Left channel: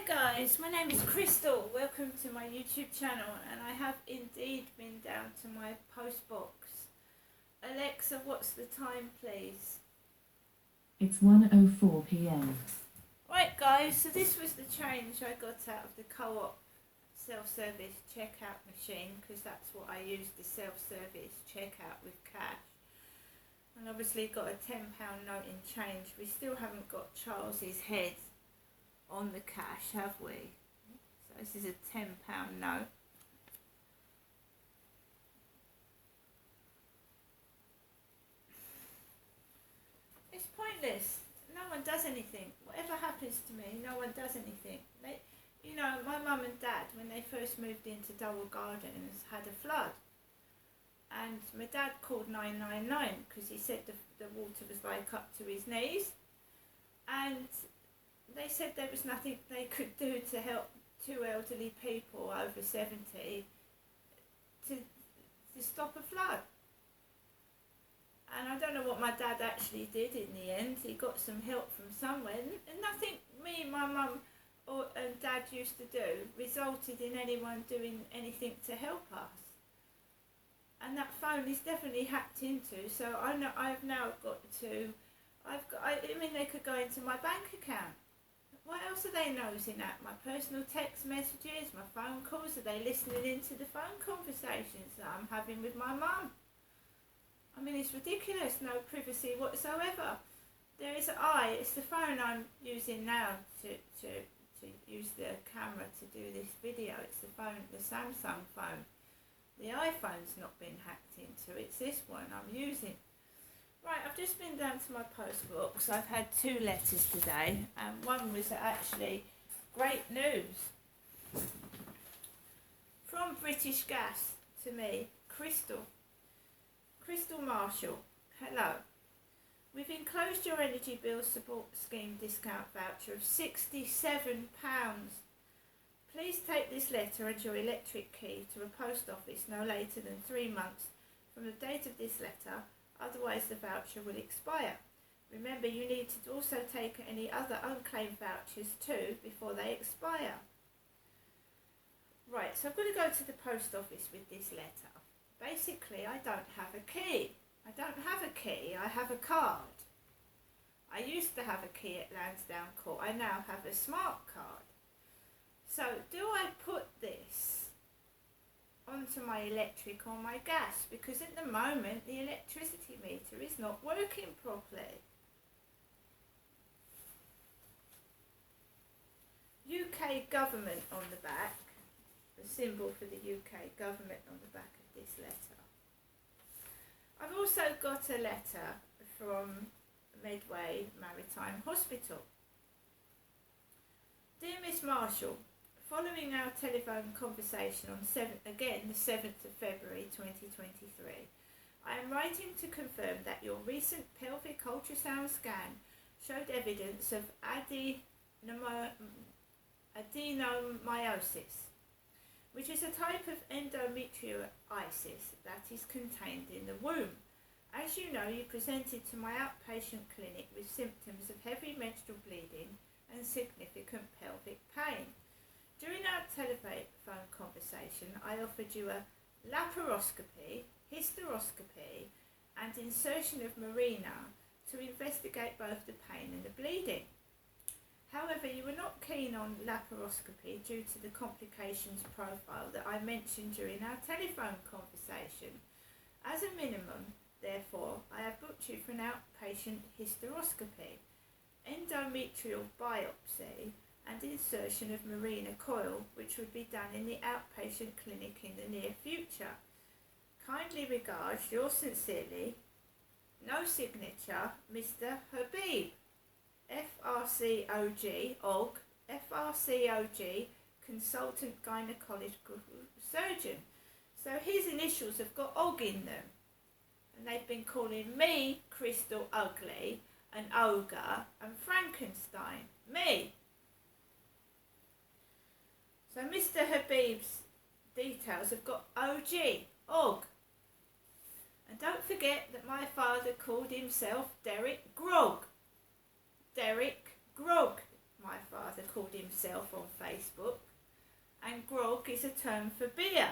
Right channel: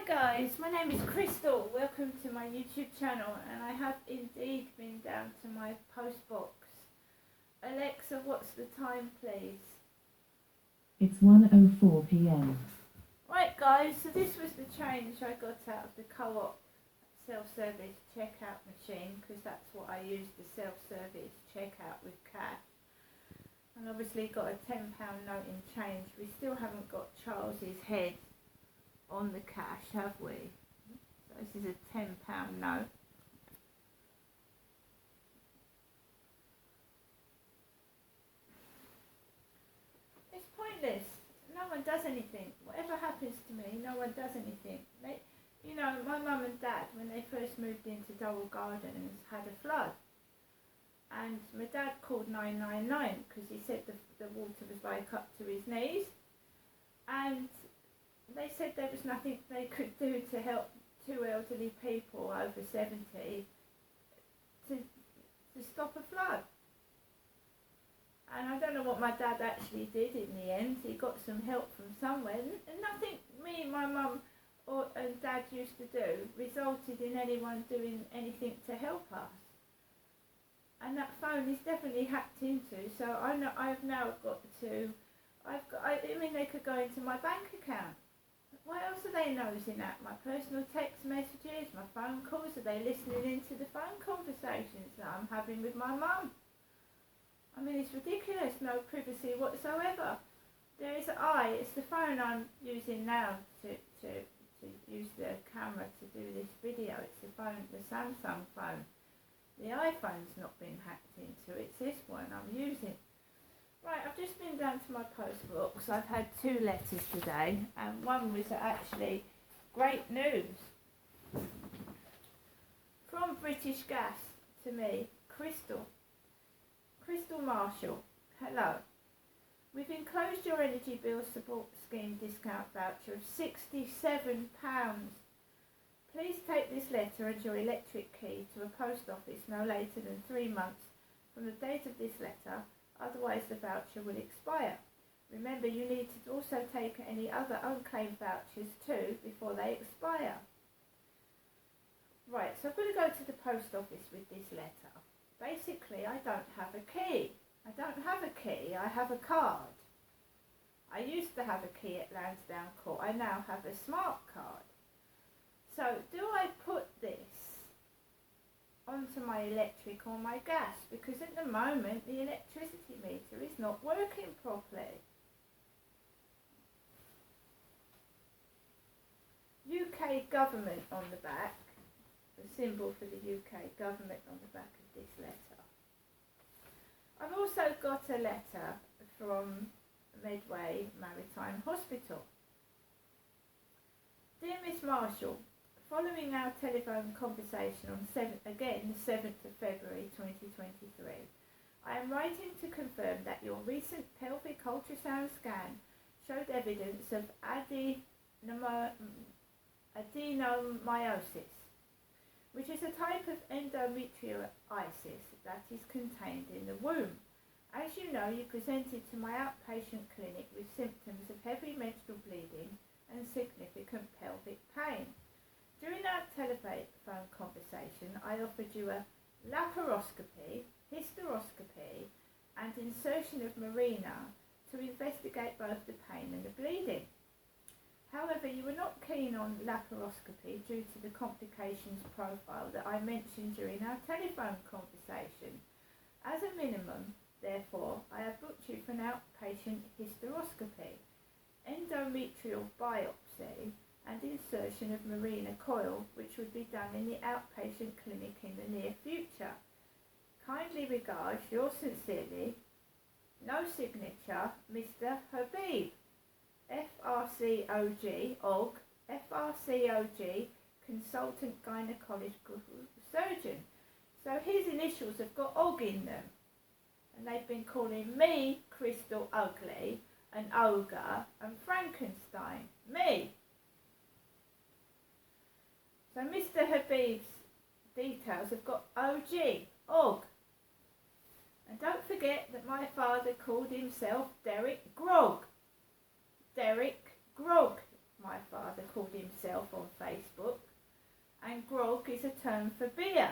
Hi guys, my name is Crystal. Welcome to my YouTube channel, and I have indeed been down to my post box. Alexa, what's the time please? It's 1:04 p.m. Right guys, so this was the change I got out of the Co-op self-service checkout machine, because that's what I use, the self-service checkout with cash. And obviously got a £10 note in change. We still haven't got Charles's head on the cash, have we? So this is a £10 note. It's pointless. No one does anything. Whatever happens to me, no one does anything. My mum and dad, when they first moved into Durrell Gardens, had a flood. And my dad called 999 because he said the water was like up to his knees. And they said there was nothing they could do to help two elderly people over 70 to stop a flood. And I don't know what my dad actually did in the end. He got some help from somewhere. And nothing me and my mum and dad used to do resulted in anyone doing anything to help us. And that phone is definitely hacked into, so I've now got to, they could go into my bank account. What else are they nosing at? My personal text messages, my phone calls? Are they listening into the phone conversations that I'm having with my mum? I mean, it's ridiculous, no privacy whatsoever. It's the phone I'm using now to use the camera to do this video. It's the Samsung phone. The iPhone's not been hacked into, it's this one I'm using. Right, I've just been down to my post box. I've had 2 letters today, and one was actually great news. From British Gas to me, Crystal Marshall, hello. We've enclosed your energy bill support scheme discount voucher of £67. Please take this letter and your electric key to a post office no later than 3 months from the date of this letter, otherwise the voucher will expire. Remember, you need to also take any other unclaimed vouchers too before they expire. Right, so I'm going to go to the post office with this letter. Basically, I don't have a key. I have a card. I used to have a key at Lansdowne Court. I now have a smart card. So, do I put this onto my electric or my gas? Because at the moment, the electricity meter is not working properly. UK government on the back, the symbol for the UK government on the back of this letter. I've also got a letter from Medway Maritime Hospital. Dear Miss Marshall, following our telephone conversation on the 7th of February 2023, I am writing to confirm that your recent pelvic ultrasound scan showed evidence of adenomyosis, which is a type of endometriosis that is contained in the womb. As you know, you presented to my outpatient clinic with symptoms of heavy menstrual bleeding and significant pelvic pain. During our telephone conversation, I offered you a laparoscopy, hysteroscopy, and insertion of Mirena to investigate both the pain and the bleeding. However, you were not keen on laparoscopy due to the complications profile that I mentioned during our telephone conversation. As a minimum, therefore, I have booked you for an outpatient hysteroscopy, endometrial biopsy, and insertion of Mirena coil, which would be done in the outpatient clinic in the near future. Kindly regards, yours sincerely, no signature, Mr. Habib, FRCOG, FRCOG, consultant gynecological surgeon. So his initials have got OG in them. And they've been calling me Crystal Ugly, and Ogre, and Frankenstein. Me. So Mr. Habib's details have got OG. And don't forget that my father called himself Derek Grog. My father called himself. himself on Facebook, and grog is a term for beer.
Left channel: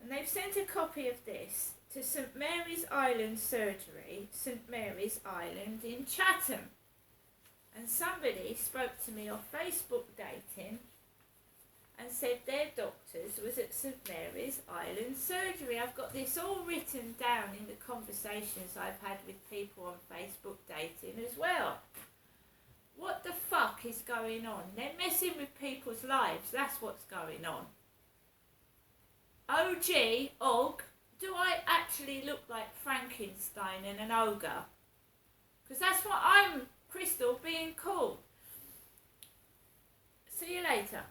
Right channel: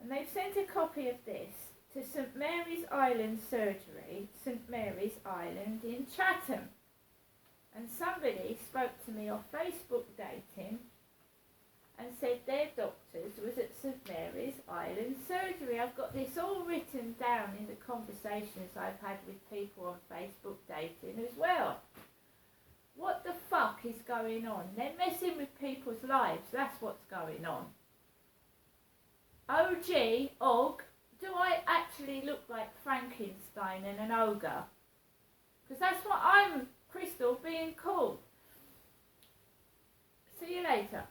And they've sent a copy of this to St Mary's Island Surgery, St Mary's Island in Chatham. And somebody spoke to me on Facebook dating and said their doctors was at St Mary's Island Surgery. I've got this all written down in the conversations I've had with people on Facebook dating as well. What the fuck is going on? They're messing with people's lives, that's what's going on. Og, do I actually look like Frankenstein and an ogre? Because that's what I'm, Crystal, being called. See you later.